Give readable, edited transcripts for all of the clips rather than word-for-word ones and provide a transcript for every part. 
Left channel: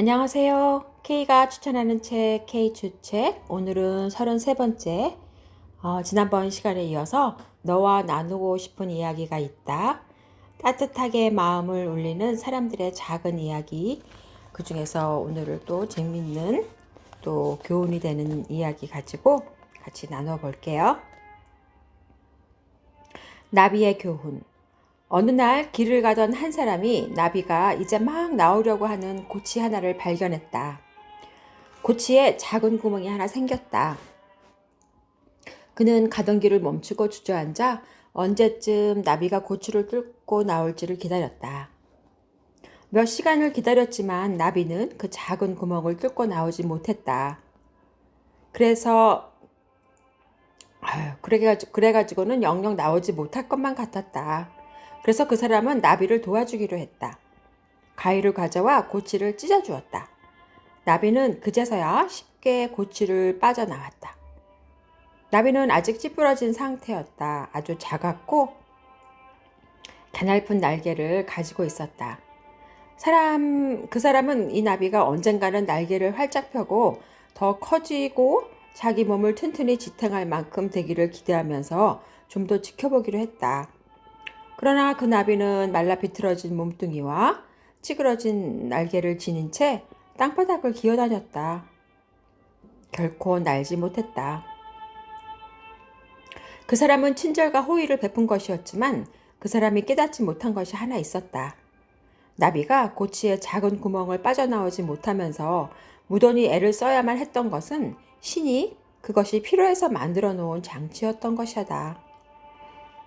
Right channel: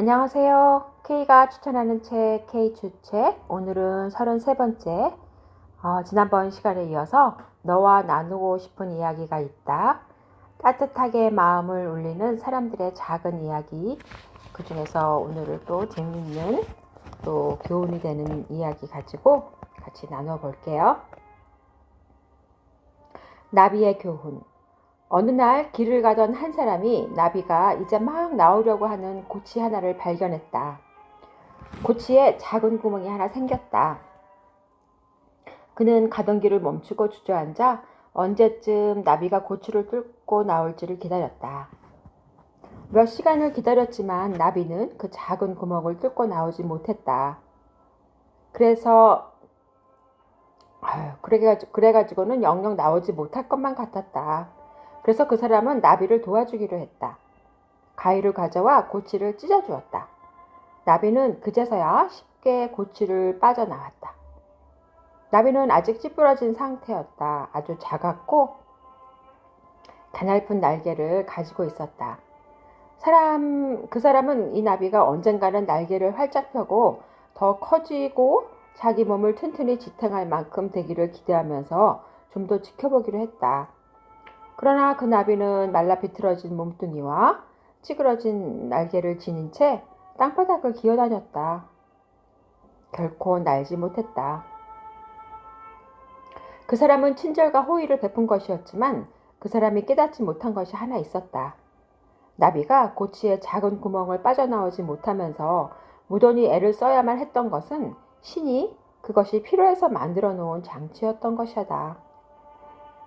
안녕하세요. K가 추천하는 책, K 추책. 오늘은 33번째. 지난번 시간에 이어서 너와 나누고 싶은 이야기가 있다. 따뜻하게 마음을 울리는 사람들의 작은 이야기. 그 중에서 오늘은 또 재밌는 또 교훈이 되는 이야기 가지고 같이 나눠 볼게요. 나비의 교훈. 어느 날 길을 가던 한 사람이 나비가 이제 막 나오려고 하는 고치 하나를 발견했다. 고치에 작은 구멍이 하나 생겼다. 그는 가던 길을 멈추고 주저앉아 언제쯤 나비가 고치를 뚫고 나올지를 기다렸다. 몇 시간을 기다렸지만 나비는 그 작은 구멍을 뚫고 나오지 못했다. 그래가지고는 영영 나오지 못할 것만 같았다. 그래서 그 사람은 나비를 도와주기로 했다. 가위를 가져와 고치를 찢어주었다. 나비는 그제서야 쉽게 고치를 빠져나왔다. 나비는 아직 찌푸러진 상태였다. 아주 작았고 가냘픈 날개를 가지고 있었다. 그 사람은 이 나비가 언젠가는 날개를 활짝 펴고 더 커지고 자기 몸을 튼튼히 지탱할 만큼 되기를 기대하면서 좀 더 지켜보기로 했다. 그러나 그 나비는 말라 비틀어진 몸뚱이와 찌그러진 날개를 지닌 채 땅바닥을 기어다녔다. 결코 날지 못했다. 그 사람은 친절과 호의를 베푼 것이었지만 그 사람이 깨닫지 못한 것이 하나 있었다. 나비가 고치의 작은 구멍을 빠져나오지 못하면서 무던히 애를 써야만 했던 것은 신이 그것이 필요해서 만들어 놓은 장치였던 것이다.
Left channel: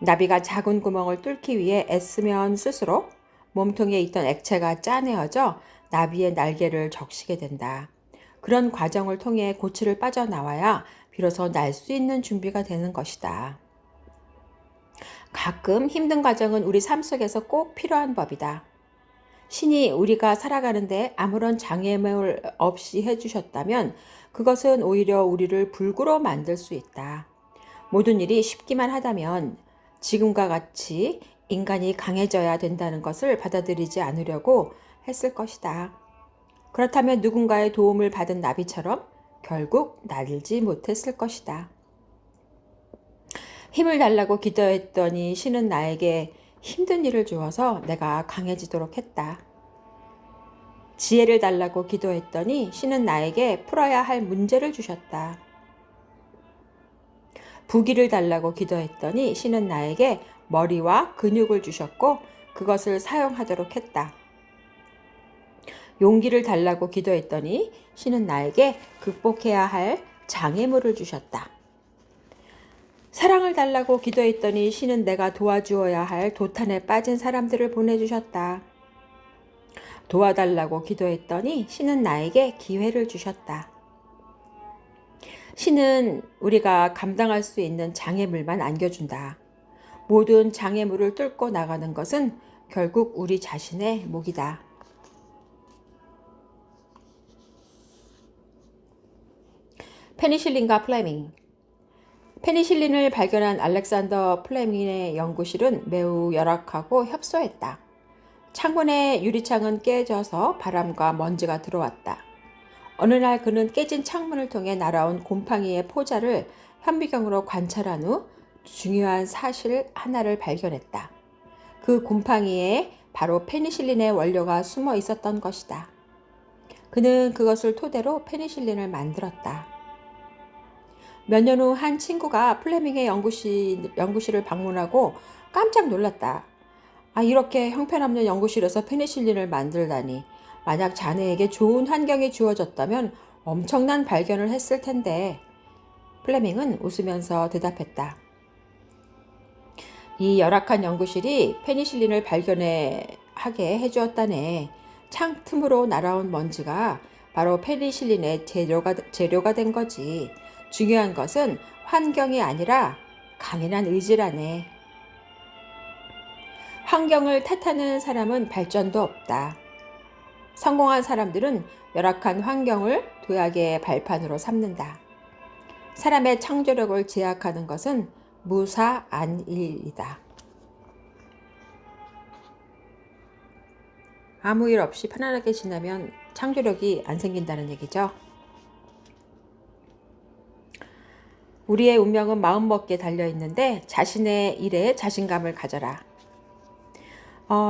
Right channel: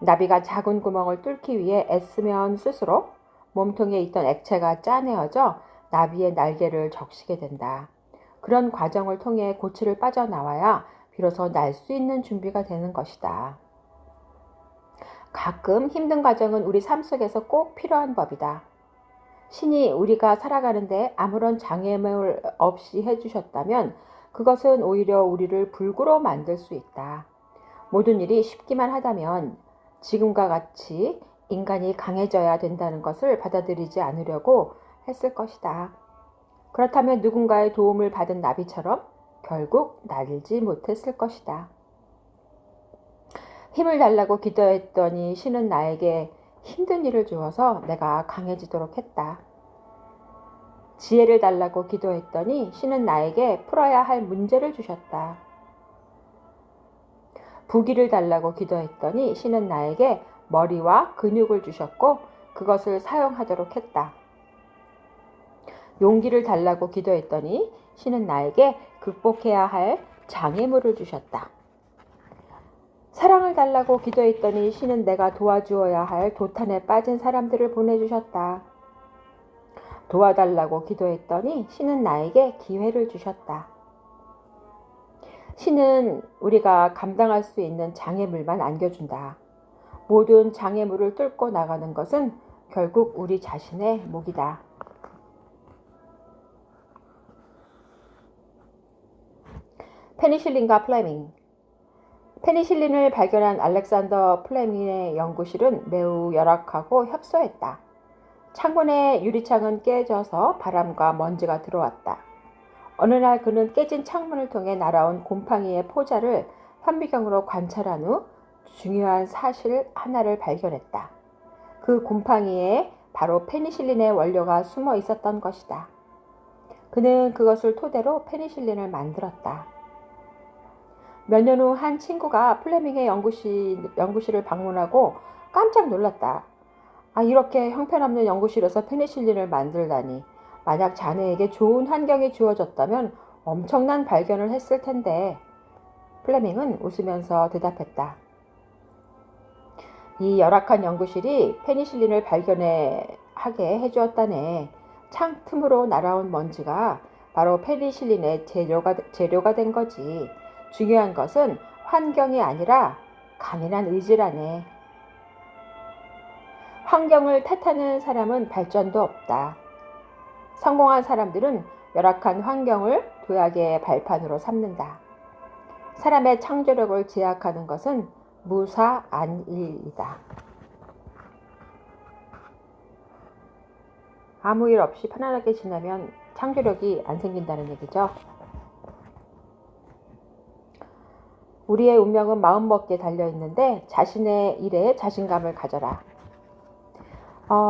나비가 작은 구멍을 뚫기 위해 애쓰면 쓸수록 몸통에 있던 액체가 짜내어져 나비의 날개를 적시게 된다. 그런 과정을 통해 고치를 빠져나와야 비로소 날 수 있는 준비가 되는 것이다. 가끔 힘든 과정은 우리 삶 속에서 꼭 필요한 법이다. 신이 우리가 살아가는데 아무런 장애물 없이 해주셨다면 그것은 오히려 우리를 불구로 만들 수 있다. 모든 일이 쉽기만 하다면 지금과 같이 인간이 강해져야 된다는 것을 받아들이지 않으려고 했을 것이다. 그렇다면 누군가의 도움을 받은 나비처럼 결국 날지 못했을 것이다. 힘을 달라고 기도했더니 신은 나에게 힘든 일을 주어서 내가 강해지도록 했다. 지혜를 달라고 기도했더니 신은 나에게 풀어야 할 문제를 주셨다. 부기를 달라고 기도했더니 신은 나에게 머리와 근육을 주셨고 그것을 사용하도록 했다. 용기를 달라고 기도했더니 신은 나에게 극복해야 할 장애물을 주셨다. 사랑을 달라고 기도했더니 신은 내가 도와주어야 할 도탄에 빠진 사람들을 보내주셨다. 도와달라고 기도했더니 신은 나에게 기회를 주셨다. 신은 우리가 감당할 수 있는 장애물만 안겨준다. 모든 장애물을 뚫고 나가는 것은 결국 우리 자신의 몫이다. 페니실린과 플레밍. 페니실린을 발견한 알렉산더 플레밍의 연구실은 매우 열악하고 협소했다. 창문의 유리창은 깨져서 바람과 먼지가 들어왔다. 어느 날 그는 깨진 창문을 통해 날아온 곰팡이의 포자를 현미경으로 관찰한 후 중요한 사실 하나를 발견했다. 그 곰팡이에 바로 페니실린의 원료가 숨어 있었던 것이다. 그는 그것을 토대로 페니실린을 만들었다. 몇 년 후 한 친구가 플레밍의 연구실을 방문하고 깜짝 놀랐다. 이렇게 형편없는 연구실에서 페니실린을 만들다니. 만약 자네에게 좋은 환경이 주어졌다면 엄청난 발견을 했을 텐데. 플레밍은 웃으면서 대답했다. 이 열악한 연구실이 페니실린을 발견하게 해주었다네. 창 틈으로 날아온 먼지가 바로 페니실린의 재료가 된 거지. 중요한 것은 환경이 아니라 강인한 의지라네. 환경을 탓하는 사람은 발전도 없다. 성공한 사람들은 열악한 환경을 도약의 발판으로 삼는다. 사람의 창조력을 제약하는 것은 무사안일이다. 아무 일 없이 편안하게 지내면 창조력이 안 생긴다는 얘기죠. 우리의 운명은 마음먹기에 달려있는데 자신의 일에 자신감을 가져라.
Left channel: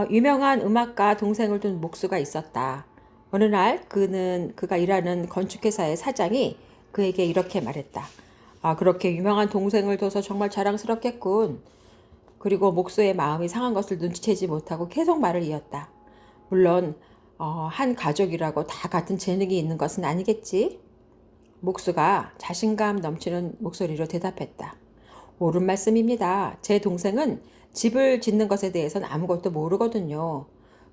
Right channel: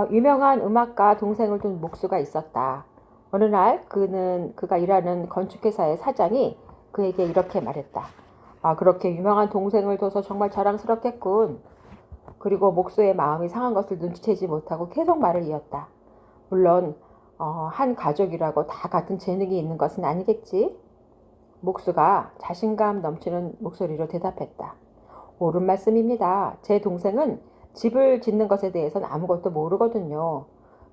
유명한 음악가 동생을 둔 목수가 있었다. 어느 날 그가 일하는 건축회사의 사장이 그에게 이렇게 말했다. 그렇게 유명한 동생을 둬서 정말 자랑스럽겠군. 그리고 목수의 마음이 상한 것을 눈치채지 못하고 계속 말을 이었다. 물론 한 가족이라고 다 같은 재능이 있는 것은 아니겠지. 목수가 자신감 넘치는 목소리로 대답했다. 옳은 말씀입니다. 제 동생은 집을 짓는 것에 대해서는 아무것도 모르거든요.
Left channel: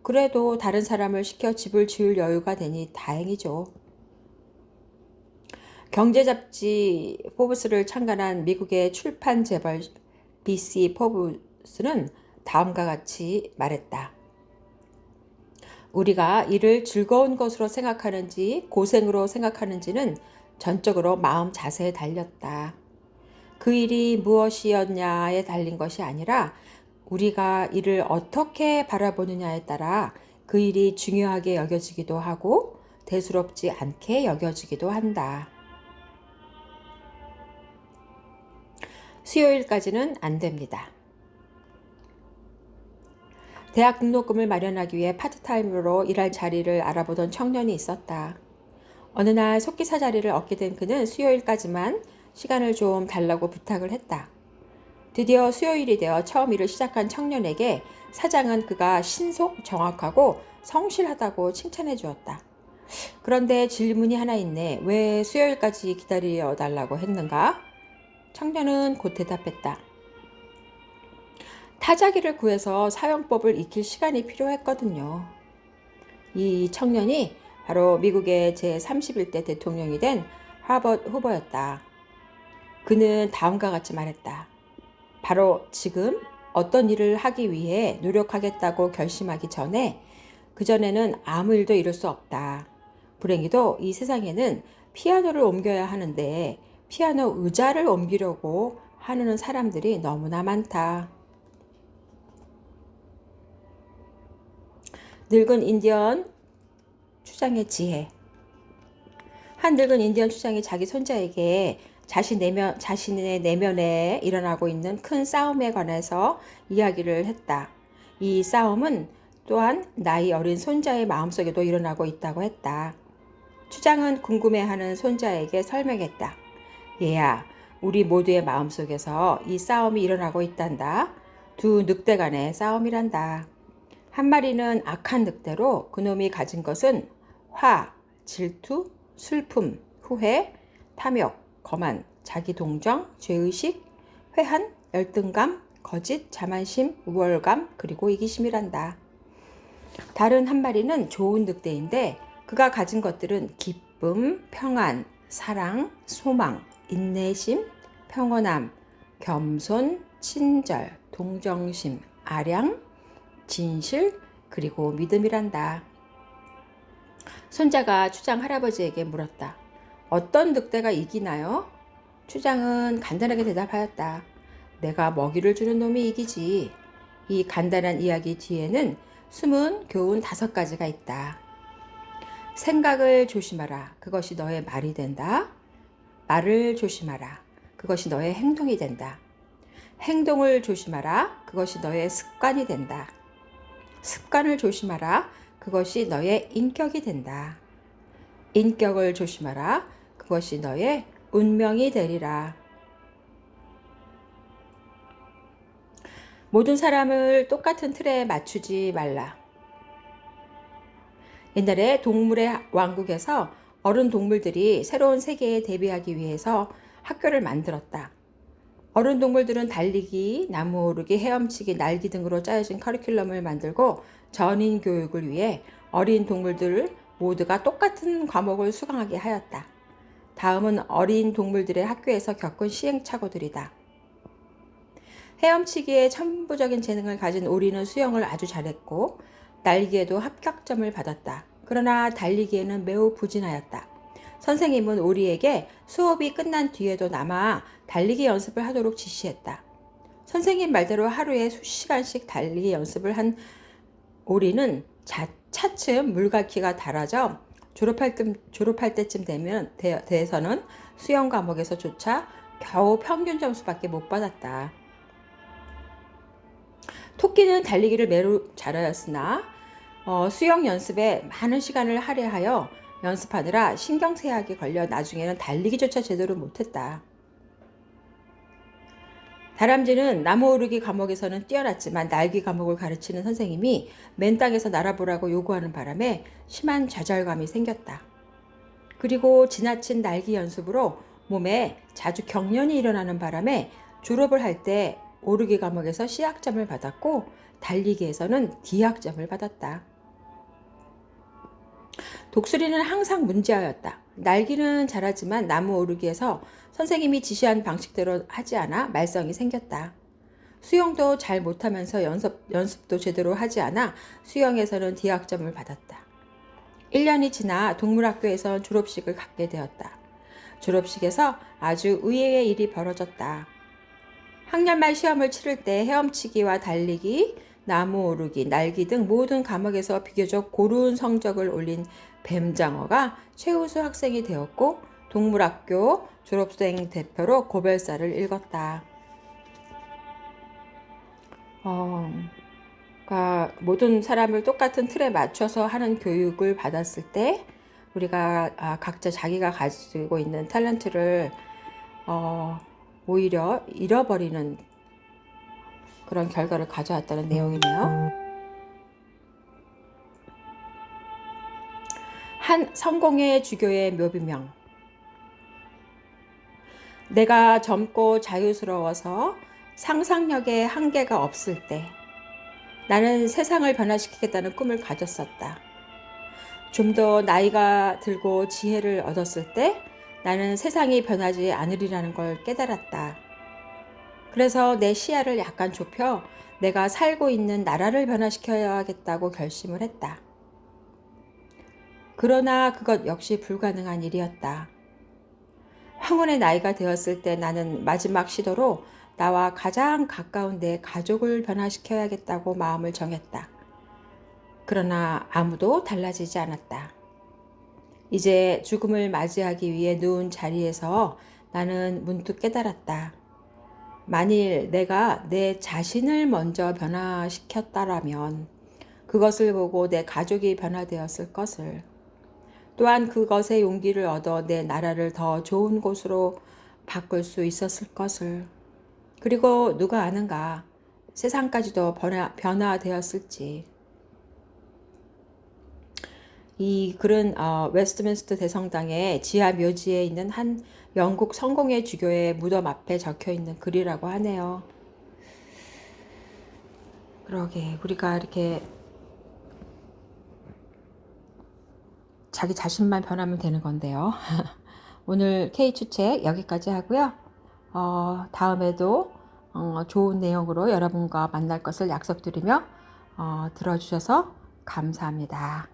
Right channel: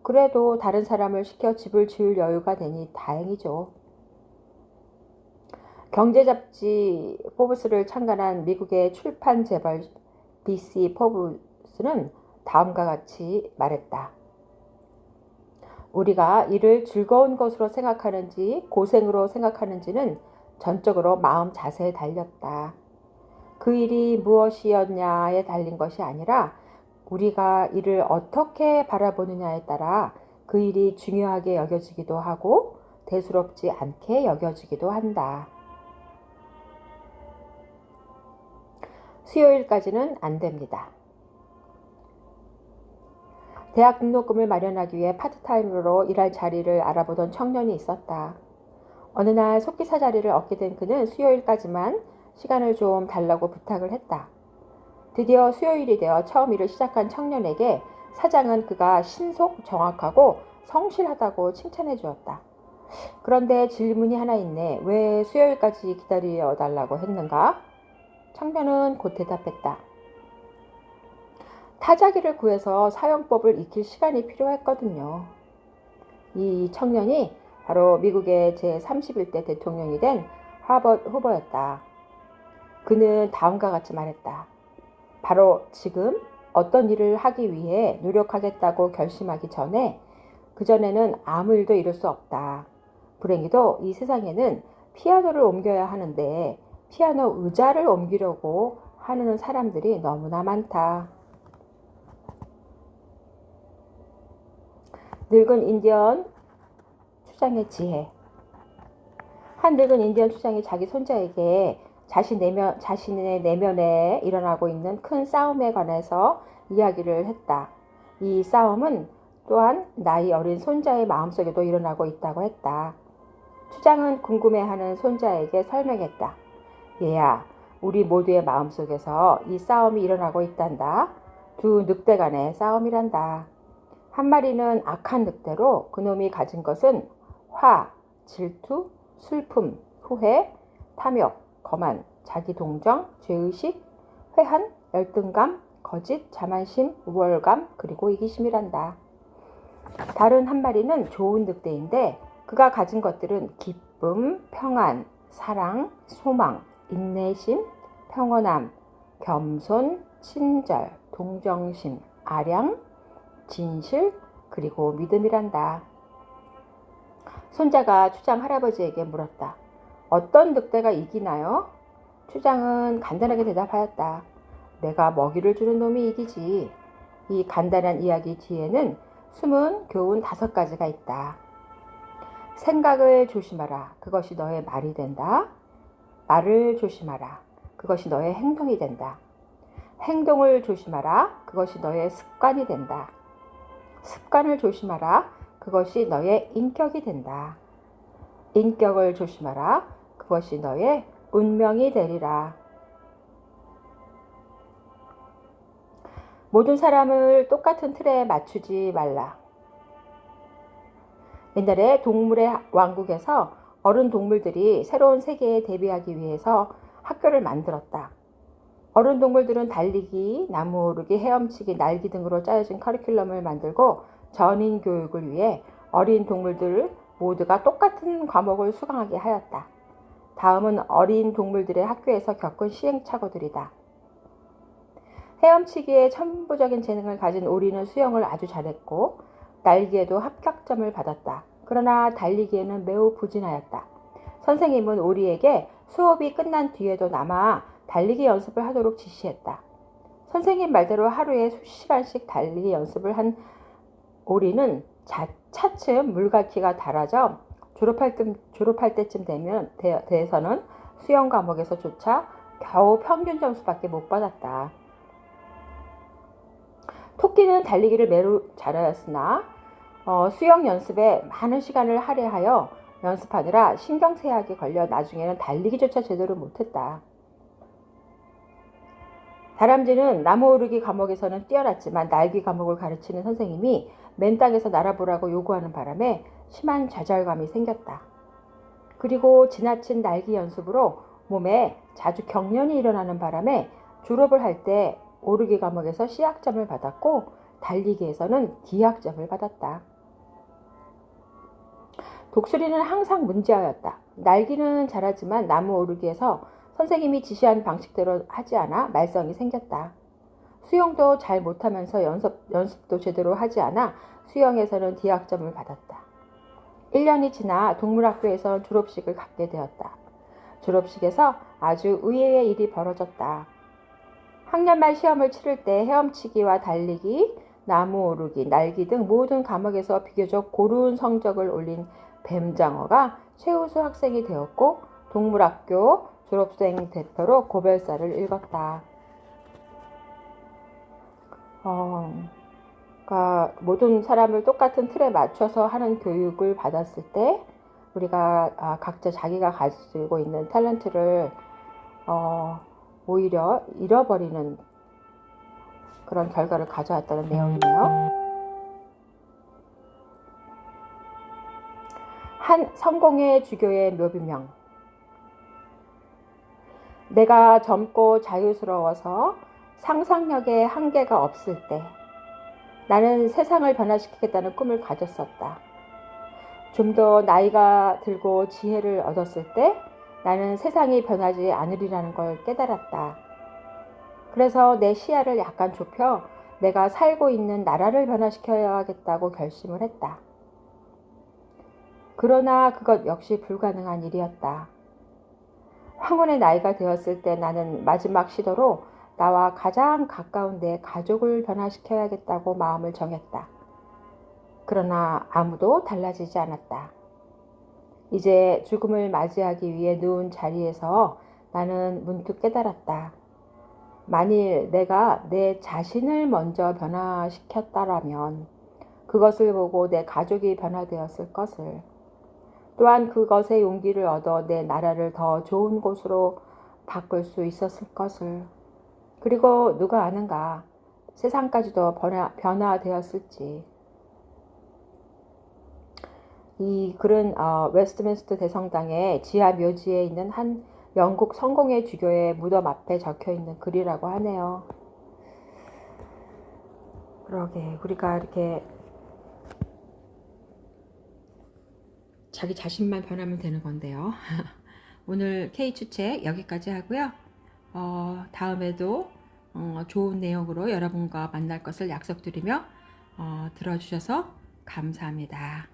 그래도 다른 사람을 시켜 집을 지을 여유가 되니 다행이죠. 경제 잡지 포브스를 창간한 미국의 출판 재벌 BC 포브스는 다음과 같이 말했다. 우리가 일을 즐거운 것으로 생각하는지 고생으로 생각하는지는 전적으로 마음 자세에 달렸다. 그 일이 무엇이었냐에 달린 것이 아니라 우리가 이를 어떻게 바라보느냐에 따라 그 일이 중요하게 여겨지기도 하고 대수롭지 않게 여겨지기도 한다. 수요일까지는 안 됩니다. 대학 등록금을 마련하기 위해 파트타임으로 일할 자리를 알아보던 청년이 있었다. 어느 날 속기사 자리를 얻게 된 그는 수요일까지만 시간을 좀 달라고 부탁을 했다. 드디어 수요일이 되어 처음 일을 시작한 청년에게 사장은 그가 신속, 정확하고 성실하다고 칭찬해 주었다. 그런데 질문이 하나 있네. 왜 수요일까지 기다려 달라고 했는가? 청년은 곧 대답했다. 타자기를 구해서 사용법을 익힐 시간이 필요했거든요. 이 청년이 바로 미국의 제31대 대통령이 된 하버드 후보였다. 그는 다음과 같이 말했다. 바로 지금 어떤 일을 하기 위해 노력하겠다고 결심하기 전에 그전에는 아무 일도 이룰 수 없다. 불행히도 이 세상에는 피아노를 옮겨야 하는데 피아노 의자를 옮기려고 하는 사람들이 너무나 많다. 늙은 인디언 추장의 지혜. 한 늙은 인디언 추장이 자기 손자에게 자신의 내면에 일어나고 있는 큰 싸움에 관해서 이야기를 했다. 이 싸움은 또한 나이 어린 손자의 마음속에도 일어나고 있다고 했다. 추장은 궁금해하는 손자에게 설명했다. 얘야, 우리 모두의 마음속에서 이 싸움이 일어나고 있단다. 두 늑대 간의 싸움이란다. 한 마리는 악한 늑대로 그놈이 가진 것은 화, 질투, 슬픔, 후회, 탐욕, 거만, 자기동정, 죄의식, 회한, 열등감, 거짓, 자만심, 우월감, 그리고 이기심이란다. 다른 한 마리는 좋은 늑대인데 그가 가진 것들은 기쁨, 평안, 사랑, 소망, 인내심, 평온함, 겸손, 친절, 동정심, 아량, 진실, 그리고 믿음이란다. 손자가 추장 할아버지에게 물었다. 어떤 늑대가 이기나요? 추장은 간단하게 대답하였다. 내가 먹이를 주는 놈이 이기지. 이 간단한 이야기 뒤에는 숨은 교훈 5가지가 있다. 생각을 조심하라. 그것이 너의 말이 된다. 말을 조심하라. 그것이 너의 행동이 된다. 행동을 조심하라. 그것이 너의 습관이 된다. 습관을 조심하라. 그것이 너의 인격이 된다. 인격을 조심하라. 그것이 너의 운명이 되리라. 모든 사람을 똑같은 틀에 맞추지 말라. 옛날에 동물의 왕국에서 어른 동물들이 새로운 세계에 대비하기 위해서 학교를 만들었다. 어른 동물들은 달리기, 나무 오르기, 헤엄치기, 날기 등으로 짜여진 커리큘럼을 만들고 전인 교육을 위해 어린 동물들 모두가 똑같은 과목을 수강하게 하였다. 다음은 어린 동물들의 학교에서 겪은 시행착오들이다. 헤엄치기에 천부적인 재능을 가진 오리는 수영을 아주 잘했고 날기에도 합격점을 받았다. 그러나 달리기에는 매우 부진하였다. 선생님은 오리에게 수업이 끝난 뒤에도 남아 달리기 연습을 하도록 지시했다. 선생님 말대로 하루에 수시간씩 달리기 연습을 한 오리는 차츰 물갈퀴가 닳아져 졸업할 때쯤 돼서는 수영 과목에서조차 겨우 평균 점수밖에 못 받았다. 토끼는 달리기를 매우 잘하였으나 수영 연습에 많은 시간을 할애하여 연습하느라 신경쇠약에 걸려 나중에는 달리기조차 제대로 못했다. 다람쥐는 나무 오르기 과목에서는 뛰어났지만 날기 과목을 가르치는 선생님이 맨 땅에서 날아보라고 요구하는 바람에 심한 좌절감이 생겼다. 그리고 지나친 날기 연습으로 몸에 자주 경련이 일어나는 바람에 졸업을 할 때 오르기 과목에서 C학점을 받았고 달리기에서는 D학점을 받았다. 독수리는 항상 문제아였다. 날기는 잘하지만 나무 오르기에서 선생님이 지시한 방식대로 하지 않아 말썽이 생겼다. 수영도 잘 못하면서 연습도 제대로 하지 않아 수영에서는 D학점을 받았다. 1년이 지나 동물학교에서 졸업식을 갖게 되었다. 졸업식에서 아주 의외의 일이 벌어졌다. 학년 말 시험을 치를 때 헤엄치기와 달리기, 나무 오르기, 날기 등 모든 과목에서 비교적 고른 성적을 올린 뱀장어가 최우수 학생이 되었고 동물학교 졸업생 대표로 고별사를 읽었다. 그러니까 모든 사람을 똑같은 틀에 맞춰서 하는 교육을 받았을 때 우리가 각자 자기가 가지고 있는 탤런트를 오히려 잃어버리는 그런 결과를 가져왔다는 내용이네요. 한 성공의 주교의 묘비명. 내가 젊고 자유스러워서 상상력에 한계가 없을 때 나는 세상을 변화시키겠다는 꿈을 가졌었다. 좀 더 나이가 들고 지혜를 얻었을 때 나는 세상이 변하지 않으리라는 걸 깨달았다. 그래서 내 시야를 약간 좁혀 내가 살고 있는 나라를 변화시켜야겠다고 결심을 했다. 그러나 그것 역시 불가능한 일이었다. 황혼의 나이가 되었을 때 나는 마지막 시도로 나와 가장 가까운 내 가족을 변화시켜야겠다고 마음을 정했다. 그러나 아무도 달라지지 않았다. 이제 죽음을 맞이하기 위해 누운 자리에서 나는 문득 깨달았다. 만일 내가 내 자신을 먼저 변화시켰다라면 그것을 보고 내 가족이 변화되었을 것을, 또한 그것의 용기를 얻어 내 나라를 더 좋은 곳으로 바꿀 수 있었을 것을, 그리고 누가 아는가 세상까지도 변화되었을지. 이 글은 웨스트민스터 대성당의 지하 묘지에 있는 한 영국 성공의 주교의 무덤 앞에 적혀 있는 글이라고 하네요. 그러게 우리가 이렇게 자기 자신만 변하면 되는 건데요. 오늘 K추책 여기까지 하고요. 다음에도 좋은 내용으로 여러분과 만날 것을 약속드리며 들어주셔서 감사합니다.